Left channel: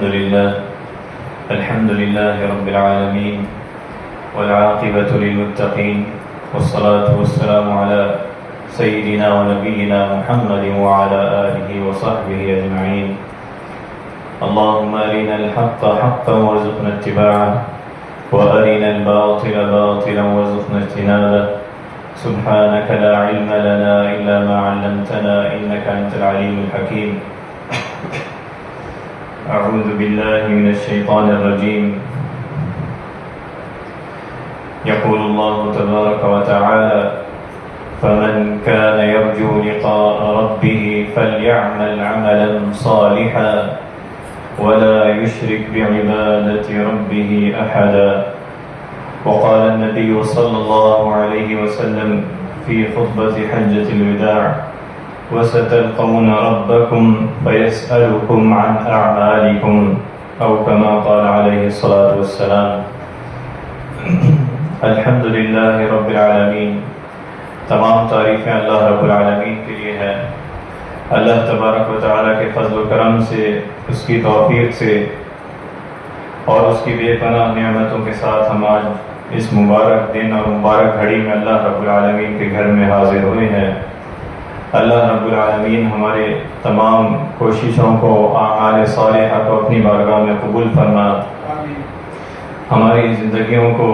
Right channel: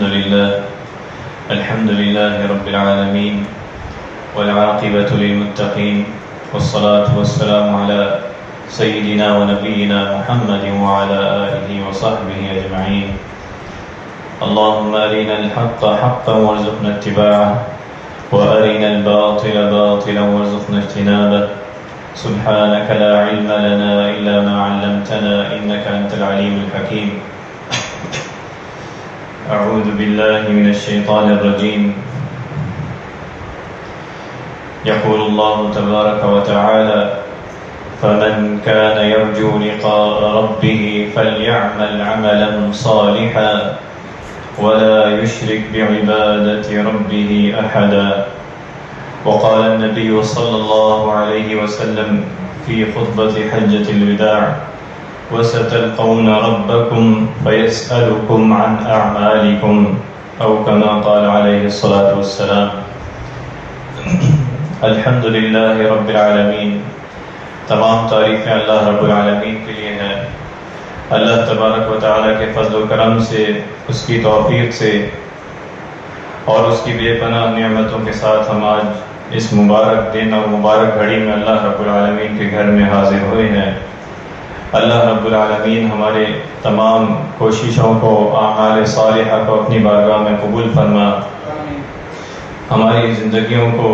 الحمد لله رب العالمين والعاقبة للمتقين والصلاة والسلام على سيدنا ونبينا محمد وعلى آله وصحبه أجمعين. اللهم أرنا الحق حقا وارزقنا اتباعه وأرنا الباطل باطلا وارزقنا اجتنابه. سبحانك لا علم لنا إلا ما علمتنا إنك أنت العليم الحكيم. أعوذ بالله من الشيطان الرجيم. يقول الله تبارك وتعالى: فمن كان يرجو لقاء ربه فليعمل عملا صالحا ولا يشرك بعبادة ربه أحدا. وقال النبي صلى الله عليه وسلم في خطبة حجة الوداع: وستلقون ربكم فيسألكم عن أعمالكم، أو كما قال عليه الصلاة والسلام. الحمد للہ رب العالمین. تمام تعریفیں اللہ رب العالمین کے لیے ہیں. اللہ تبارک و تعالیٰ کے فضل و کرم سے، اس کی توفیق سے اور اس کی بے پناہ نعمتوں کے ساتھ ہم آج اس مبارک دن اور مبارک گھڑی میں اللہ رب العالمین کے گھر میں حاضر ہوئے ہیں. اللہ رب العالمین ہمارے تمام کوششوں کو، اعمال صالحہ کو اپنی بارگاہ میں قبول فرما. ہماری زندگیوں کو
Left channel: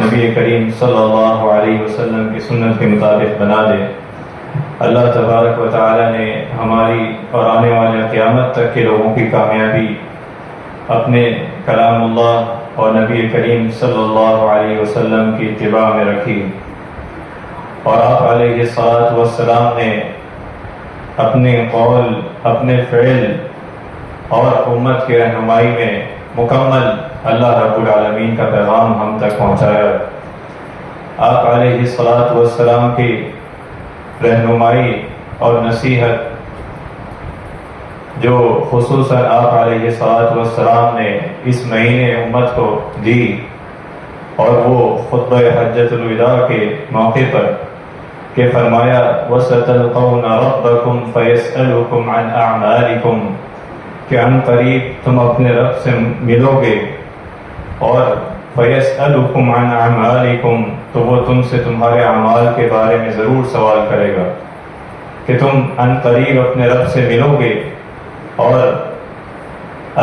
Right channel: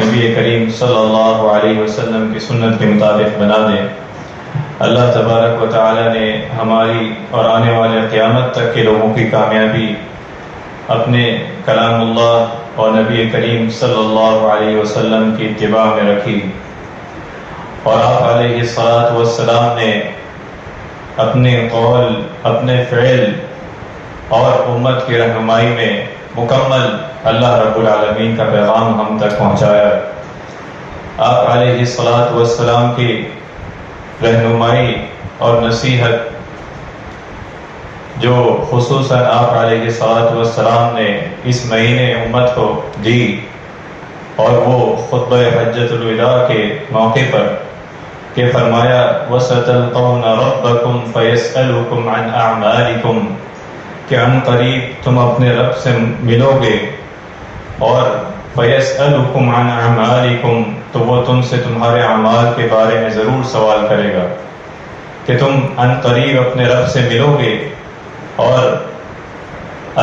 نبی کریم صلی اللہ علیہ وسلم کی سنت کے مطابق بنا دے. اللہ تبارک و تعالیٰ نے ہماری اور آنے والے قیامت تک کے لوگوں کی کامیابی اپنے کلام اللہ اور نبی کریم صلی اللہ علیہ وسلم کی اتباع میں رکھی، اور آپ علیہ الصلاۃ والسلام نے اپنے قول، اپنے فعل اور امت کی رہنمائی میں مکمل اللہ رب العالمین کا پیغام ہم تک پہنچایا. آپ علیہ الصلاۃ والسلام کی رہنمائی اور نصیحت جو خصوصاً آپ علیہ الصلاۃ والسلام نے اس مہینے امت کو دی، اور وہ خطبہ حجۃ الوداع کے موقع پر کہ فرمایا: وَسَتَلْقَوْنَ رَبَّكُمْ فَيَسْأَلُكُمْ عَنْ أَعْمَالِكُمْ، کہ ان قریب تم اپنے رب سے ملو گے، اور فَيَسْأَلُكُمْ عَنْ أَعْمَالِكُمْ، تو وہ تم سے تمہارے اعمال کے بارے میں ضرور سوال کرے گا کہ تم ان قریب اپنے رب سے ملو گے اور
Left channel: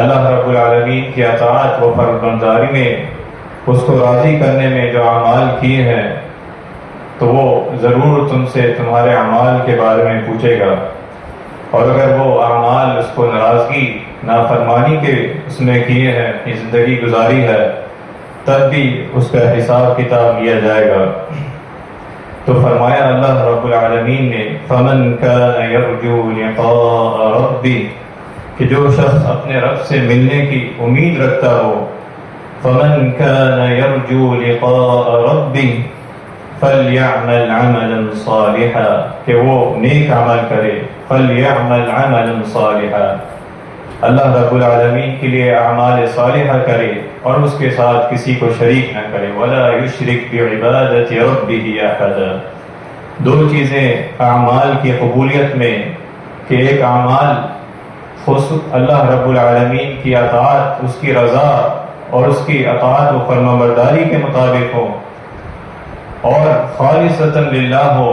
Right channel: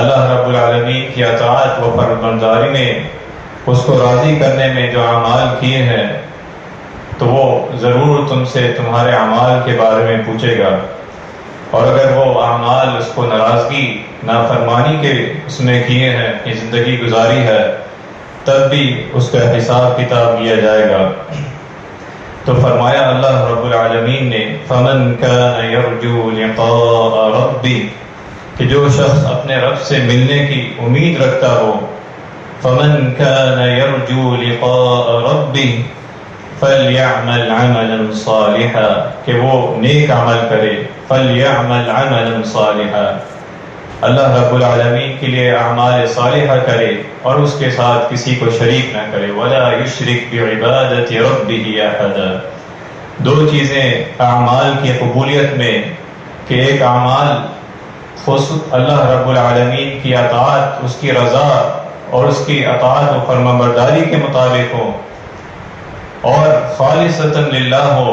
اللہ رب العالمین کی اطاعت و فرمانبرداری میں، اس کو راضی کرنے میں جو اعمال کیے ہیں، تو وہ ضرور تم سے تمہارے اعمال کے بارے میں پوچھے گا. اور اگر وہ اعمال اس کو ناراضگی، نافرمانی کے اس میں کیے ہیں، اپنی زندگی گزاری ہے، تب بھی اس کا حساب کتاب لیا جائے گا. تو فرمایا اللہ رب العالمین نے: فَمَنْ كَانَ يَرْجُو لِقَاءَ رَبِّهِ، کہ جو شخص اپنے رب سے ملنے کی امید رکھتا ہو، فَمَنْ كَانَ يَرْجُو لِقَاءَ رَبِّهِ فَلْيَعْمَلْ عَمَلًا صَالِحًا، کہ وہ نیک عمل کرے. فَلْيَعْمَلْ عَمَلًا صَالِحًا، اللہ رب العالمین کے لیے اعمال صالحہ کرے اور اس کے ساتھ کسی کو شریک نہ کرے. وَلَا يُشْرِكْ بِعِبَادَةِ رَبِّهِ أَحَدًا. دو چیزیں اعمال کی قبولیت میں، کہ ایک اعمال اللہ رب العالمین کی اطاعت، اس کی رضا اور اس کی اطاعت و فرمانبرداری کے مطابق ہو، اور خالصتاً للہ ہو،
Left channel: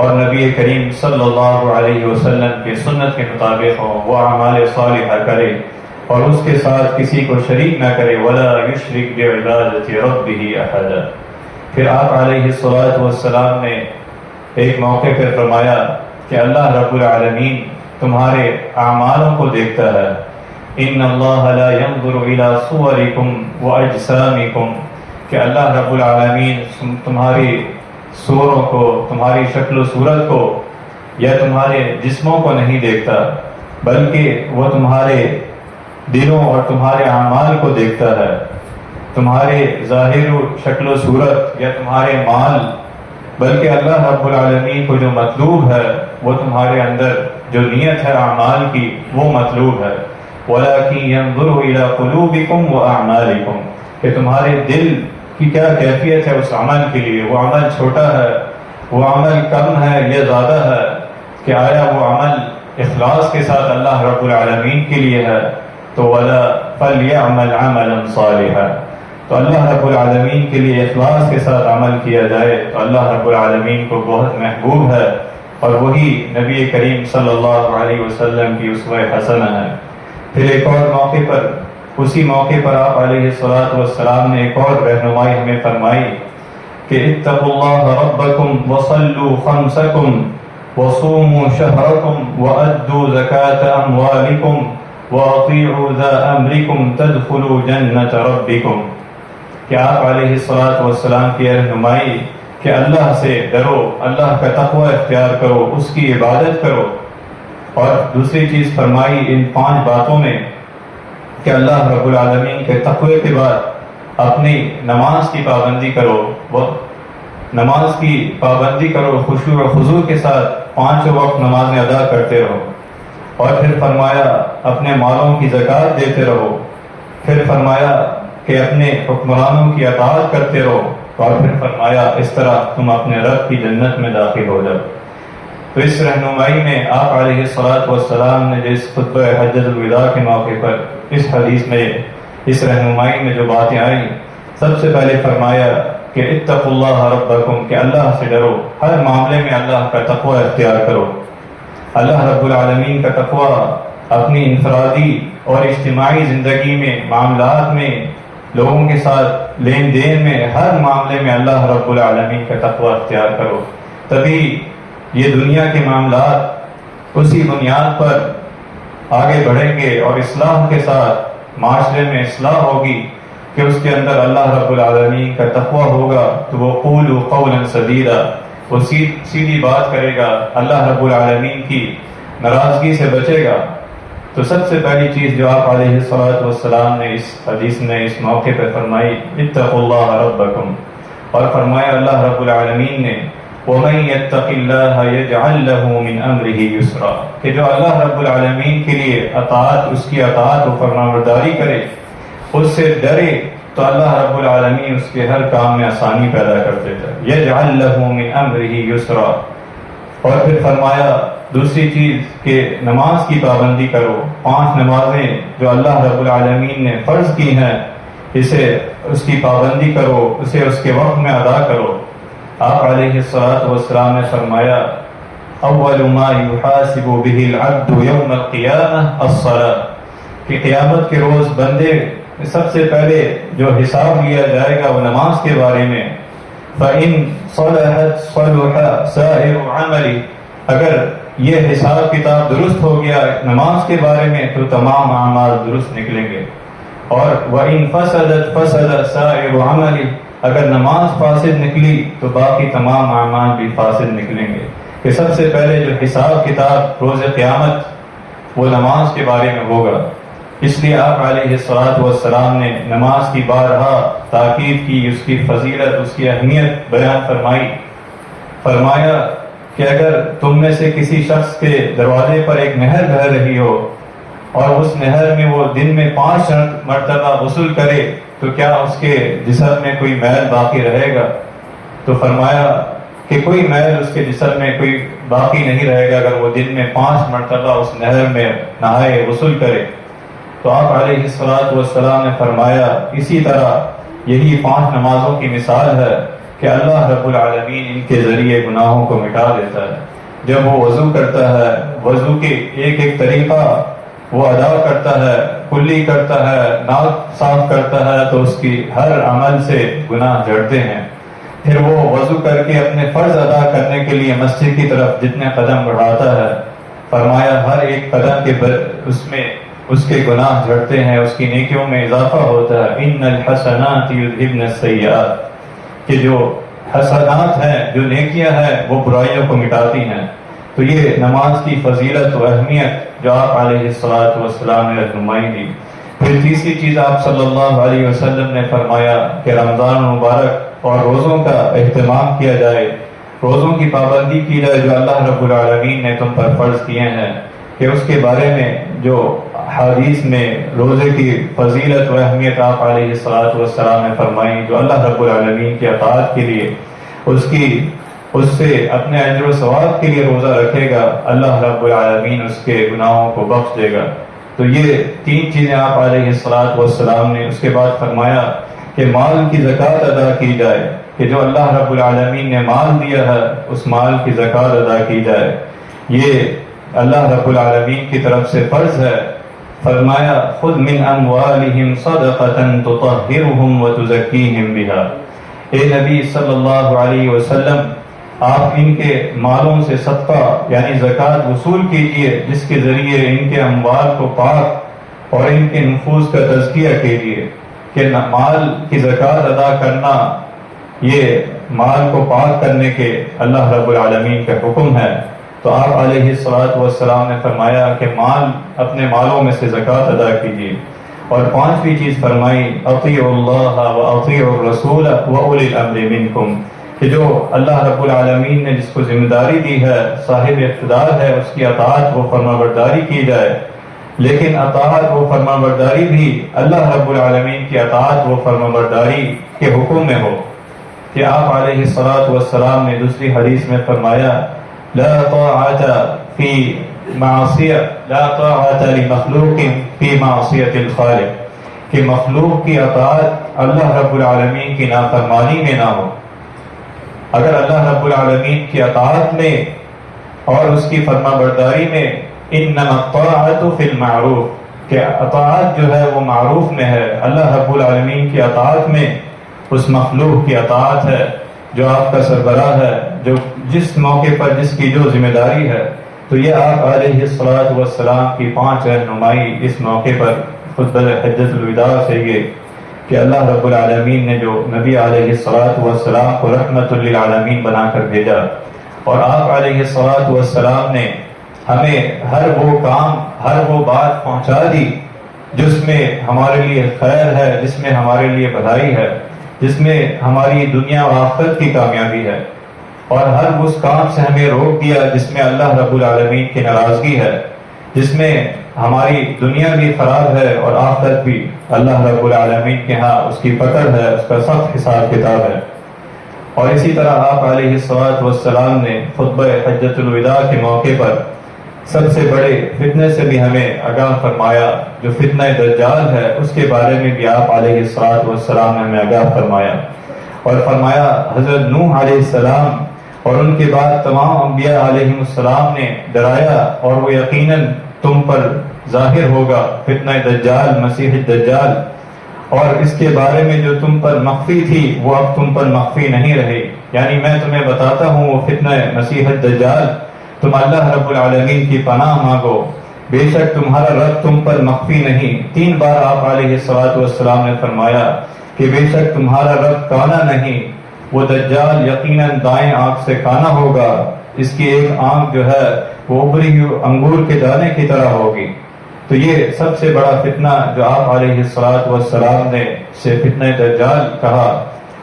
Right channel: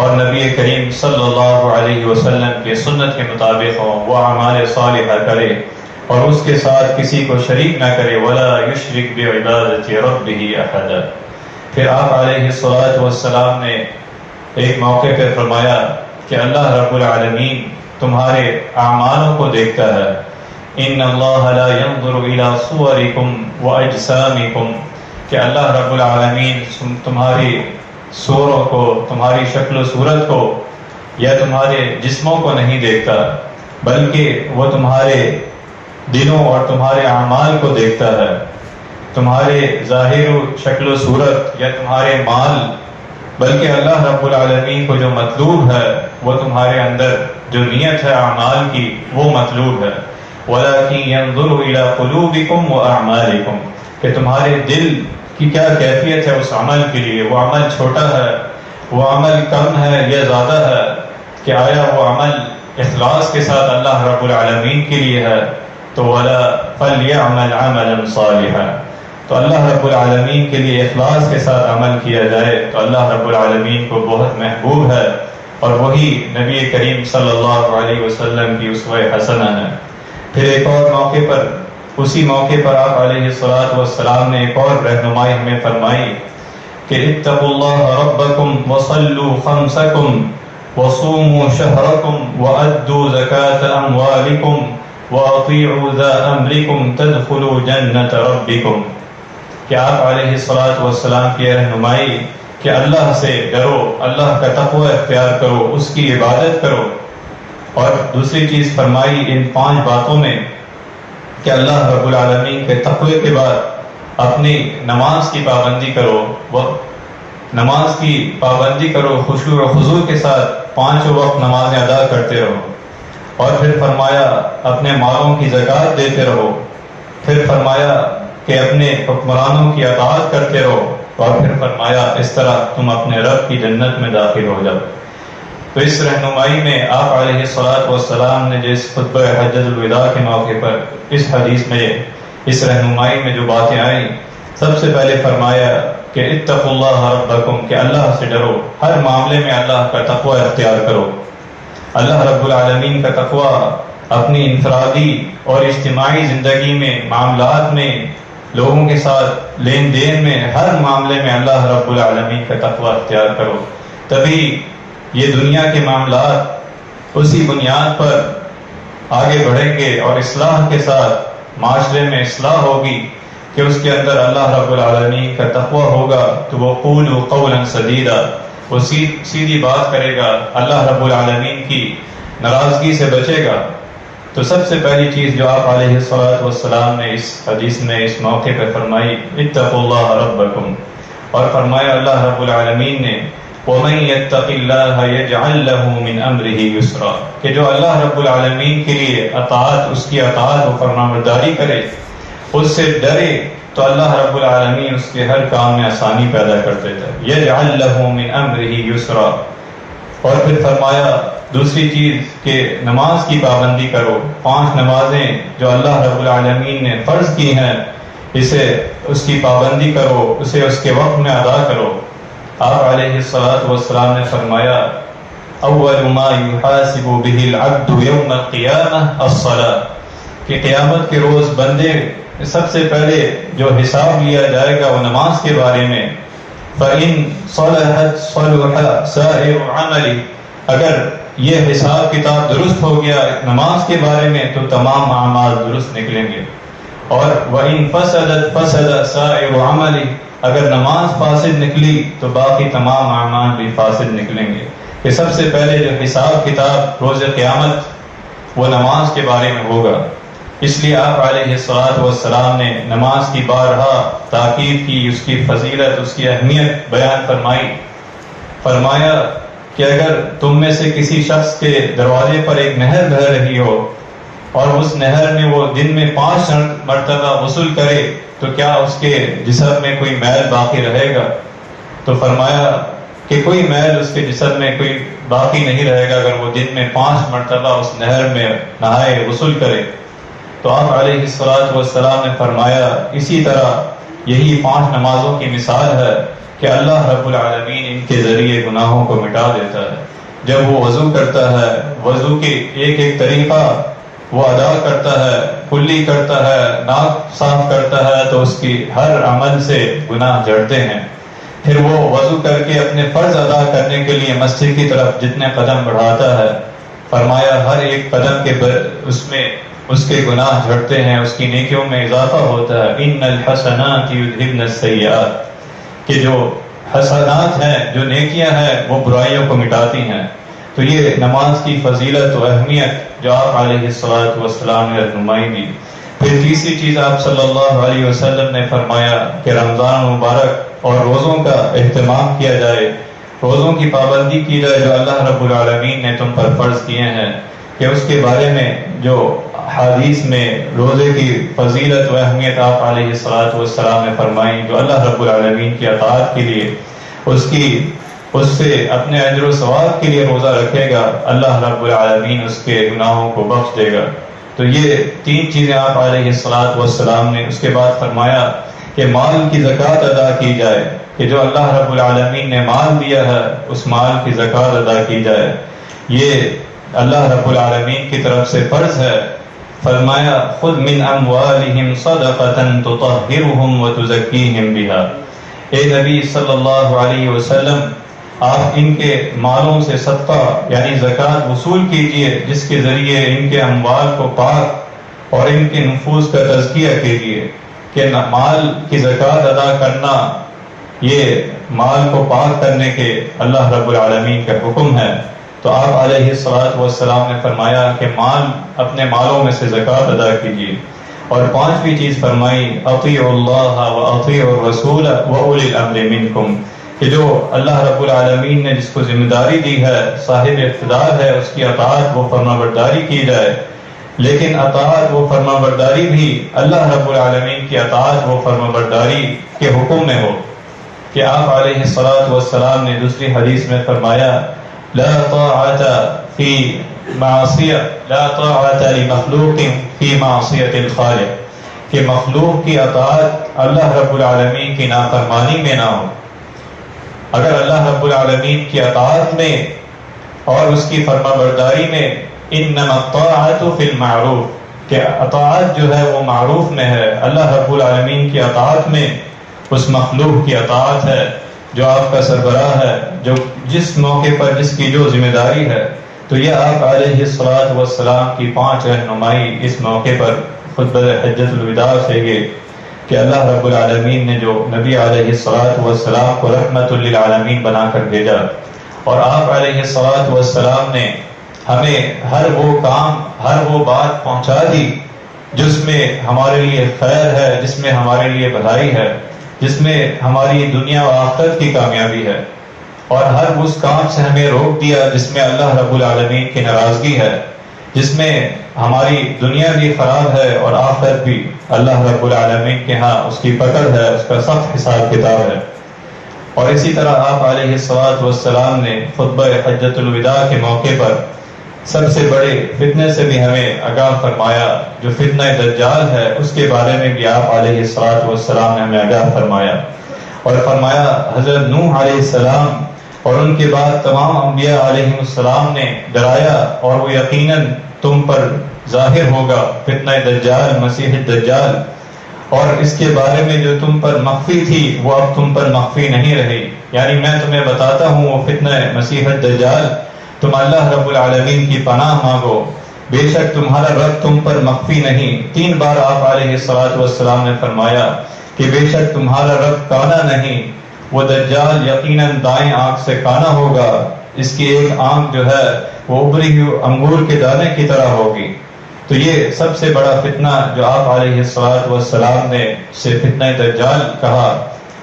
اور نبی کریم صلی اللہ علیہ وسلم کے سنت کے مطابق ہو. وہ اعمال صالحہ کرے اور اس کے ساتھ کسی کو شریک نہ کرے. وَلَا يُشْرِكْ بِعِبَادَةِ رَبِّهِ أَحَدًا. پھر آپ علیہ الصلاۃ والسلام نے ایک موقع پر فرمایا کہ اللہ رب العالمین تمہارے اعمالوں کو دیکھتا ہے. إِنَّ اللَّهَ لَا يَنظُرُ إِلَى صُوَرِكُمْ وَأَجْسَامِكُمْ، کہ اللہ رب العالمین تمہاری صوروں کو، تمہاری شکل و صورت کو یا تمہارے جسموں کو نہیں دیکھتا، بلکہ وہ تمہارے دلوں اور تمہارے اعمال کو دیکھتا ہے. تمہارے ظاہر و شکل و صورت یا تمہارے مال، بلکہ اللہ رب العالمین کو جو مطلوب ہے وہ تمہارے اندر جو نیت ہے اعمال کی، وہ مطلوب ہے. وَلَكِنْ يَنظُرُ إِلَى قُلُوبِكُمْ وَأَعْمَالِكُمْ، کہ تمہارے دل کی کیا کیفیت ہے اس عمل کے لیے. وہ عمل چھوٹا ہے، وہ عمل کم ہے یا زیادہ ہے، کہ آیا وہ عمل اخلاص کے ساتھ اللہ رب العالمین کے لیے ہے، تو وَلَا فَلْيَعْمَلْ عَمَلًا صَالِحًا، تو اللہ رب العالمین کے لیے اخلاص کے ساتھ عمل کیا جائے تو اللہ رب العالمین کو بہت محبوب ہے، اور وہی نبی کریم صلی اللہ علیہ وسلم کی اسوہ حسنہ ہے۔ پھر ایک اور موقع پر، اسی موقع پر آپ علیہ الصلوۃ والسلام نے ایک اور رہنمائی ہمیں فرمائی کہ اتقوا اللہ ربکم وصلوا خمسکم وصوموا شہرکم وأدوا زکاة اموالکم وأطیعوا ذا امرکم تدخلوا جنت ربکم، کہ آپ علیہ الصلوۃ والسلام کی رہنمائی کہ اللہ سے ڈرو، اللہ کا تقوی اختیار کرو، اس کی عبادت کرو، اور دوسری چیز فرمائی ان 5 باتوں میں کہ اللہ رب العالمین کے تقوی کے بعد اپنی نماز کی پابندی کرو، وہ نماز کی پابندی کرو، خشوع و خضوع کے ساتھ 5 وقت نمازیں ادا کرتے رہو، اور پھر فرمایا اپنے مالوں کی زکوٰۃ دیتے رہو، پھر فرمایا کہ اپنے حکمرانوں کی اطاعت کرتے رہو، اور پھر فرمایا اس طرح تم اپنے رب کی جنت میں داخل ہو جاؤ۔ تو اس رہنمائی میں آپ علیہ الصلوۃ والسلام نے جس خطبہ حجۃ الوداع کے موقع پر اس حدیث میں، اس رہنمائی میں جو باتیں آئیں، سب سے پہلے فرمایا کہ اتقوا اللہ ربکم، کہ اللہ سے ڈرو، ہر معاملے میں اللہ کا تقوی اختیار کرو۔ اللہ رب العالمین کا تقوی اپنی انفرادی اور اجتماعی زندگی میں، معاملات میں، لوگوں کے ساتھ لین دین میں، ہر معاملے میں اللہ رب العالمین کا تقوی اختیار کرو، تبھی یہ دنیا کے معاملات اسی بنیاد پر آگے بڑھیں گے، اور اصلاح کے ساتھ معاشرے میں اصلاح ہوگی کہ اس کے اندر اللہ رب العالمین کا تقوی ہوگا تو وہ قولوا قولا سدیدا، وہ سیدھی بات کرے گا، اللہ رب العالمین کی ناراضگی سے بچے گا۔ تو سب سے پہلی چیز جو آپ علیہ الصلوۃ والسلام نے اس حدیث میں اس موقع پہ فرمائی، اتقوا اللہ ربکم، اور فرمایا اللہ رب العالمین نے وَمَن يَتَّقِ اللَّهَ يَجْعَلْ لَهُ مِنْ أَمْرِهِ يُسْرًا، کہ جو اللہ رب العالمین کے لیے اطاعت، اس کی اطاعت و فرمانبرداری کرے، اس سے ڈرے، تو اللہ رب العالمین اس کے ہر کام میں آسانی پیدا کر دیتا ہے۔ يَجْعَلْ لَهُ مِنْ أَمْرِهِ يُسْرًا، اور پھر فرمایا دوسری چیز کہ نماز کی پابندی کرو، 5 نمازیں جو اللہ رب العالمین نے فرض کی ہیں، اسے اس کی پابندی کرو، اسے اس کے وقت میں ادا کرو۔ آپ علیہ الصلوۃ والسلام نے فرمایا اول ما یحاسب به العبد یوم القیامہ الصلاۃ، کہ قیامت کے روز بندے سب سے پہلے جو حساب لیا جائے گا وہ نماز کے بارے میں، فَإِن صَلَحَتْ صَلُحَ سَائِرُ عَمَلِ، اگر یہ حساب کتاب درست ہو گیا نماز کے بارے میں تو تمام اعمال درست نکلیں گے، اور وَإِن فَسَدَتْ فَسَدَ سَائِرُ عَمَلِ، اگر نماز فاسد نکلی تو باقی تمام اعمال بھی فاسد نکلیں گے۔ کہ سب سے پہلے جو حساب کتاب روز قیامت وہ نماز کے بارے میں ہوگا، اس لیے آپ علیہ الصلوۃ والسلام نے نماز کی بارہا تاکید کی، اس کی فضیلت، اس کی اہمیت بیان فرمائی۔ فرمایا کہ اگر تم میں سے کسی شخص کے دروازے پر ایک نہر بہہ رہی ہو اور اس نہر میں وہ دن میں 5 مرتبہ غسل کرے تو کیا اس کے جسم میں کوئی میل باقی رہے گا؟ تو فرمایا کہ کوئی میل اس کے جسم میں کوئی باقی نہیں رہے گا اگر وہ دن میں 5 مرتبہ اس نہر میں نہائے، غسل کرے۔ تو آپ علیہ الصلوۃ والسلام نے فرمایا اسی طرح یہی 5 نمازوں کی مثال ہے کہ اللہ رب العالمین ان کے ذریعے گناہوں کو مٹا دیتا ہے۔ جب وہ وضو کرتا ہے، وضو کے ایک ایک طریقہ وہ ادا کرتا ہے، کلی کرتا ہے، ناک صاف کرتا ہے، تو اس کی ہر عمل سے گناہ جھڑتے ہیں۔ پھر وہ وضو کر کے اپنے فرض ادا کرنے کے لیے مسجد کی طرف جتنے قدم بڑھاتا ہے، فرمایا ہر ایک قدم کے اس میں اس کے گناہ جھڑتے ہیں، اس کی نیکیوں میں اضافہ ہوتا ہے۔ ان الحسنات یذھبن السیئات، کہ جو حسنات ہیں، جو نیکیاں ہیں، وہ برائیوں کو مٹاتی ہیں۔ تو یہ نماز کی فضیلت و اہمیت جو آپ علیہ الصلوۃ والسلام نے رہنمائی دی۔ پھر تیسری چیز آپ صلی اللہ علیہ وسلم نے فرمایا کہ رمضان مبارک اور روزوں کا اہتمام کیا جائے، روزوں کی پابندی کی جائے جو اللہ رب العالمین نے تم پر فرض کیے ہیں، کہ اس کے بارے میں جو حدیث میں روزے کی فضیلت و اہمیت آپ علیہ الصلوۃ والسلام نے فرمائی، جو اللہ رب العالمین کی اطاعت کے لیے اس سے اپنے اجر و ثواب کے لیے روزہ رکھے گا، اللہ رب العالمین اس کے گناہوں کو بخش دے گا۔ تو یہ تین چیزیں آپ علیہ الصلوۃ والسلام نے، اس کے بعد فرمایا کہ مال کی زکوٰۃ ادا کی جائے، کہ جو اللہ رب العالمین نے مال دیا ہے اس مال کی زکوٰۃ ادا کی جائے، یہ اللہ رب العالمین کی طرف سے فرض ہے۔ فرمایا خذ من اموالہم صدقۃ تطہرہم وتزکیہم بہا، اے نبی صلی اللہ علیہ وسلم آپ ان کے مالوں سے صدقہ یعنی زکوٰۃ وصول کیجئے، جس کے ذریعے ان کے اموال کو پاک اور ان کے نفوس کا تزکیہ کیجئے، کہ مال کی زکوٰۃ ادا کرنا یہ مال کو پاک کرنے کے اللہ رب العالمین کا حکم ہے۔ تو آپ علیہ الصلوۃ والسلام نے فرمایا کہ مال اپنے مالوں میں سے زکوٰۃ ادا کیجیے، اور پانچویں چیز فرمائی اطیعوا اللہ واطیعوا الرسول واولی الامر منکم، کہ جو اللہ رب العالمین نے جس کو ذمہ داری دی ہے، صاحب اقتدار ہے، اس کی اطاعت و فرما برداری کی جائے، لیکن اطاعت و فرما برداری بھی اللہ رب العالمین کی اطاعت و فرما برداری کے حکم میں ہو، کہ آپ علیہ الصلوۃ والسلام نے دوسری حدیث میں فرمایا لا طاعت فی معصیہ لا طاعت لمخلوق فی معصیۃ الخالق، کہ مخلوق کی اطاعت اللہ رب العالمین کی نافرمانی میں نہ ہو۔ اگر اللہ رب العالمین کی اطاعت میں اور اس کی فرما برداری میں انما الطاعت فی المعروف، کہ اطاعت جو ہے وہ معروف میں ہے، اللہ رب العالمین کی اطاعت میں اس مخلوق کی اطاعت ہے جو آپ کا سربراہ ہے، جو جس موقع پر جس کی جو ذمہ داری ہے۔ تو یہ آپ علیہ الصلوۃ والسلام کی 5 رہنمائی اس موقع پر خطبہ حجۃ الوداع سے یہ کہ اللہ رب العالمین نے جو نبی علیہ الصلوۃ والسلام کو رحمت للعالمین بنا کر بھیجا، اور آپ علیہ الصلوۃ والسلام نے ہمیں ہر وہ کام، ہر وہ بات پہنچا دی جس میں ہمارے لیے خیر ہے، جس میں ہمارے لیے بھلائی ہے، جس میں ہماری دنیا و آخرت کی کامیابی ہے، اور ہر اس کام سے ہمیں روک دیا جس میں اللہ رب العالمین کی ناراضگی ہے، جس میں ہماری دنیا بھی خراب ہے اور آخرت بھی اللہ رب العالمین کے ہاں اس کی پکڑ ہے، اس کا سخت حساب کتاب ہے۔ اور اسی طرح آپ علیہ الصلوۃ والسلام نے خطبہ حجۃ الوداع کے موقع پر سب سے بڑے فتنے سے بھی ہمیں آگاہ فرمایا، جو فتنہ دجال ہے، اس کے بارے میں بھی آپ علیہ الصلوۃ والسلام نے ہمیں آگاہ فرمایا، اور فرمایا حضرت نوح علیہ السلام اور ان کے بعد تمام انبیاء علیہ السلام نے ڈرایا، اور وہ یقیناً تم پر ظاہر ہوگا فتنہ دجال، مسیح الدجال، اور اس کے بارے میں جو تم پر مخفی تھی وہ اب تم پر مخفی نہیں رہی، یعنی میں تمہیں بتاتا ہوں وہ فتنہ مسیح الدجال، تم اللہ رب العالمین کی پناہ مانگو، بے شک تمہارا رب تم پر مخفی نہیں۔ 3 بار آپ علیہ الصلوۃ والسلام نے فرمایا کہ بے شک تمہارا رب کانا نہیں، وہ دجال یقیناً دائیں آنکھ سے کانا ہوگا، اس کی ایک آنکھ جو ہے وہ ابری ہوئی انگور کے دانے کی طرح ہوگی۔ تو یہ سب سے بڑا فتنہ جو آپ علیہ الصلوۃ والسلام نے سے فتنہ دجال کہا،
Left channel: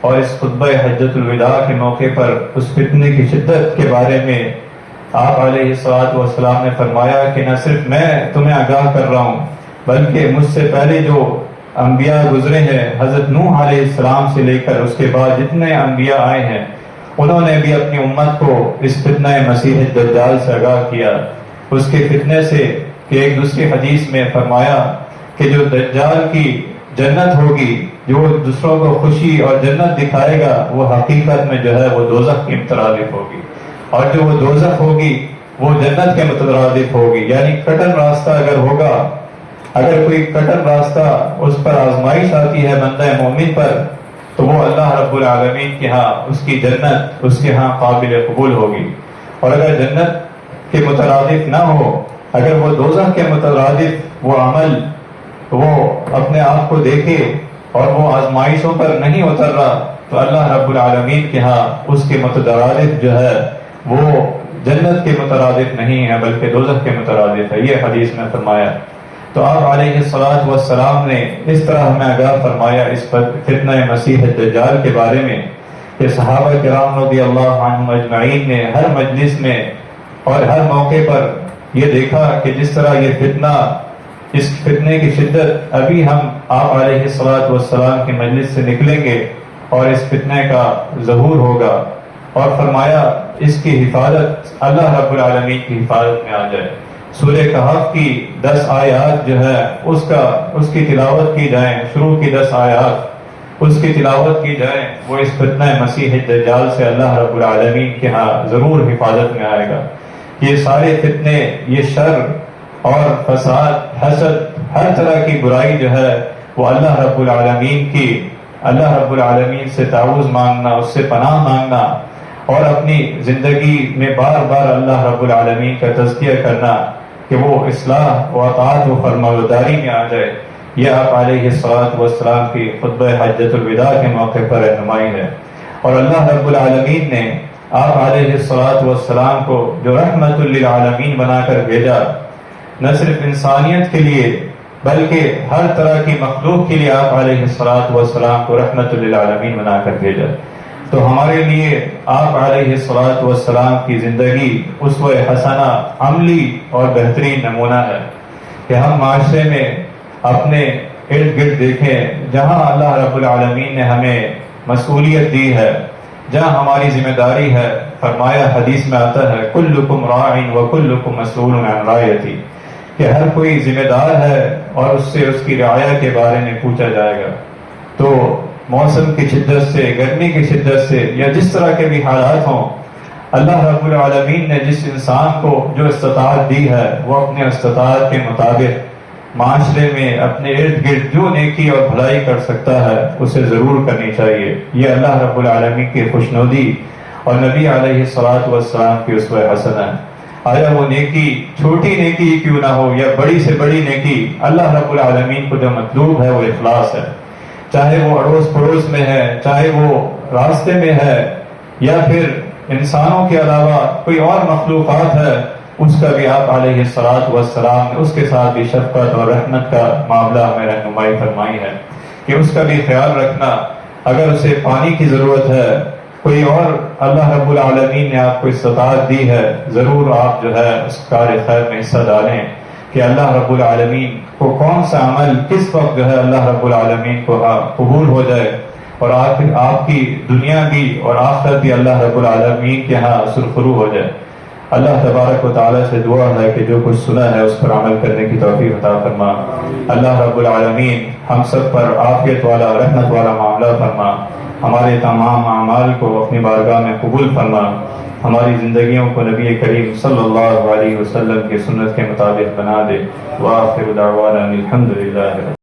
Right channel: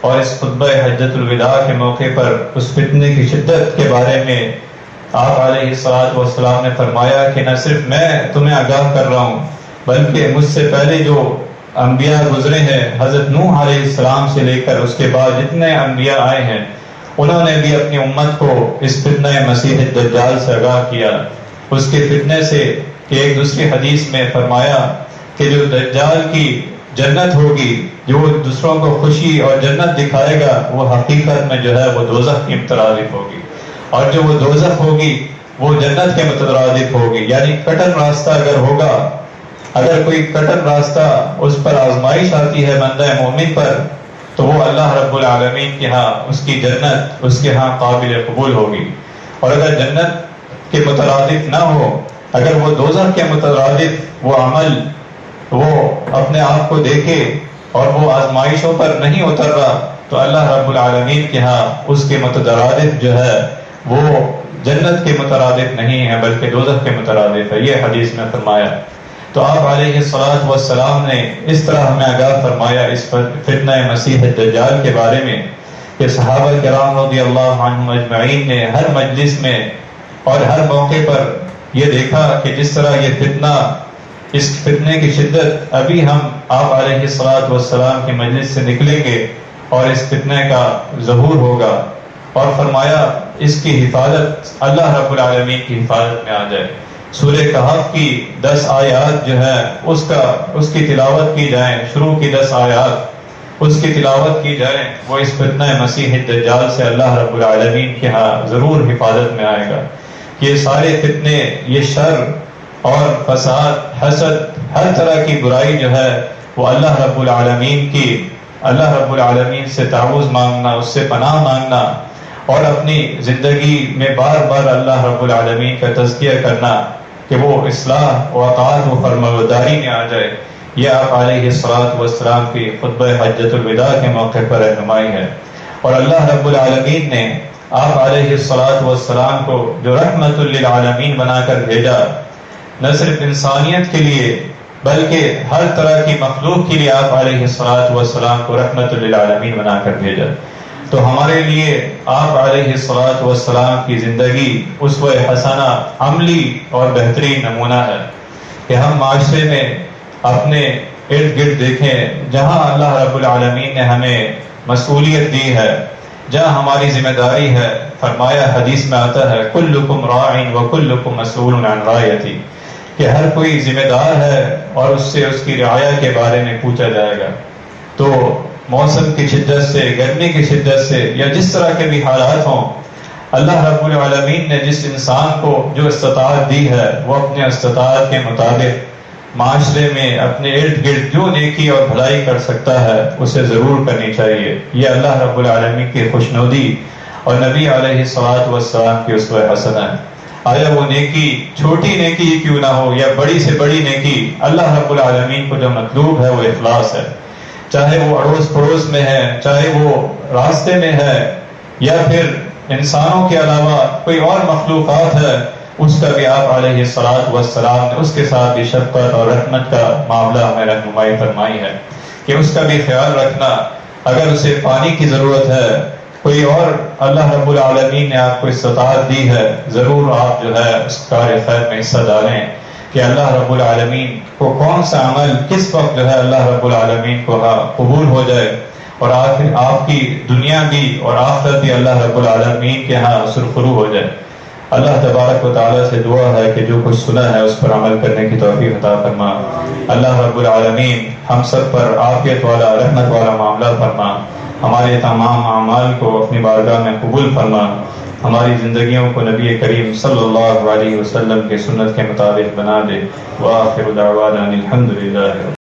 اور اس خطبہ حجۃ الوداع کے موقع پر اس فتنے کی شدت کے بارے میں آپ علیہ الصلوۃ والسلام نے فرمایا کہ نہ صرف میں تمہیں آگاہ کر رہا ہوں، بلکہ مجھ سے پہلے جو انبیاء گزرے ہیں، حضرت نوح علیہ السلام سے لے کر اس کے بعد جتنے انبیاء آئے ہیں، انہوں نے بھی اپنی امت کو اس فتنہ مسیح الدجال سے آگاہ کیا، اس کے فتنے سے، کہ ایک دوسری حدیث میں فرمایا کہ جو دجال کی جنت ہوگی، جو دوسروں کو خوشی اور جنت دکھائے گا، وہ حقیقت میں جو ہے وہ دوزخ کی مترادف ہوگی، اور جو وہ دوزخ ہوگی وہ جنت کے مترادف ہوگی، یعنی کٹر راستہ اگر ہوگا، اگر کوئی کٹر راستہ اس پر آزمائش آتی ہے بندہ مومن پر، تو وہ اللہ رب العالمین کے ہاں اس کی جنت اس کے ہاں قابل قبول ہوگی، اور اگر جنت کے مترادف نہ ہو، اگر وہ دوزخ کے مترادف وہ عمل وہ اپنے آپ کو دیکھے اور وہ آزمائشوں پر نہیں اتر رہا، تو اللہ رب العالمین کے ہاں اس کے مترادف جو ہے وہ جنت کے مترادف نہیں ہے بلکہ دوزخ کے مترادف ہے، یہ حدیث میں فرمایا۔ تو آپ علیہ الصلوۃ والسلام نے اس طرح ہمیں آگاہ فرمایا اس فتنہ مسیح الدجال کے بارے میں کہ صحابہ کرام رضی اللہ عنہم اجمعین نے ہر مجلس میں اور ہر موقع پر یہ دیکھا کہ جس طرح یہ فتنہ، اس فتنے کی شدت، ابھی ہم آپ علیہ الصلوۃ والسلام کی مجلس سے نکلیں گے اور اس فتنے کا ظہور ہوگا، اور فرمایا اس کی حفاظت اللہ رب العالمین کی حفاظت میں آ جائے۔ سورہ کہف کی 10 آیات جو ہے اس کی تلاوت کی جائیں، شروع کی 10 آیات اس کی تلاوت کی جائیں، وہ اس فتنہ مسیح الدجال سے اللہ رب العالمین کے ہاں ضرور حفاظت میں آئے گا۔ یہ سارے فتنے، یہ شر اور فساد، حسد، ہر طرح کی برائی جو ہے وہ اللہ رب العالمین سے تعوذ مانگنا، اس سے پناہ مانگنا، اور اپنی زندگی میں بار بار اللہ رب العالمین کا تذکیہ کرنا کہ وہ اصلاح و اطاعت و فرمانبرداری میں آ جائے، یہ آپ علیہ السلام کی خطبہ حجۃ الوداع کے موقع پر رہنمائی ہے۔ اور اللہ رب العالمین نے آپ علیہ السلام کو جو رحمت للعالمین بنا کر بھیجا، نہ صرف انسانیت کے لیے بلکہ ہر طرح کی مخلوق کے لیے آپ علیہ السلام کو رحمت للعالمین بنا کر بھیجا، تو ہمارے لیے آپ علیہ السلام کی زندگی اسوہ حسنہ، عملی اور بہترین نمونہ ہے کہ ہم معاشرے میں اپنے ارد گرد دیکھیں، جہاں اللہ رب العالمین نے ہمیں مسئولیت دی ہے، جہاں ہماری ذمہ داری ہے، فرمایا حدیث میں آتا ہے کلکم راع وکلکم مسئول عن رعیتہ، کہ ہر کوئی ذمہ دار ہے اور اس سے اس کی رعایا کے بارے میں پوچھا جائے گا۔ تو موسم کی شدت سے، گرمی کی شدت سے، یا جس طرح کے بھی حالات ہوں، اللہ رب العالمین نے جس انسان کو جو استطاعت دی ہے وہ اپنے استطاعت کے مطابق معاشرے میں اپنے ارد گرد جو نیکی اور بھلائی کر سکتا ہے اسے ضرور کرنی چاہیے۔ یہ اللہ رب العالمین کی خوشنودی اور نبی علیہ السلام کی اسوہ حسنہ ہے۔ آیا وہ نیکی چھوٹی نیکی کیوں نہ ہو یا بڑی سے بڑی نیکی، اللہ رب العالمین کو جو مطلوب ہے وہ اخلاص ہے، چاہے وہ اڑوس پڑوس میں ہے، چاہے وہ راستے میں ہے، یا پھر انسانوں کے علاوہ کوئی اور مخلوقات ہے، اس کا بھی آپ علیہ السلام نے اس کے ساتھ بھی شفقت اور رحمت کا معاملہ ہمیں رہنمائی فرمائی ہے کہ اس کا بھی خیال رکھنا، اگر اسے پانی کی ضرورت ہے، کوئی اور اللہ رب العالمین نے آپ کو استطاعت دی ہے، ضرور آپ جو ہے اس کار خیر میں حصہ ڈالیں کہ اللہ رب العالمین کو کون سا عمل کس وقت جو ہے اللہ رب العالمین کو قبول ہو جائے، اور آخر آپ کی دنیا بھی اور آخرت بھی اللہ رب العالمین کے ہاں سرخرو ہو جائے۔ اللہ تبارک و تعالیٰ سے دعا ہے کہ جو کچھ سنا ہے اس پر عمل کرنے کی توفیق عطا فرما۔ اللہ رب العالمین ہم سب پر عافیت والا، رحمت والا معاملہ فرما، ہمارے تمام اعمال کو اپنی بارگاہ میں قبول فرما، ہماری زندگیوں کو نبی کریم صلی اللہ علیہ وسلم کی سنت کے مطابق بنا دے۔ وآخر دعوانا الحمدللہ۔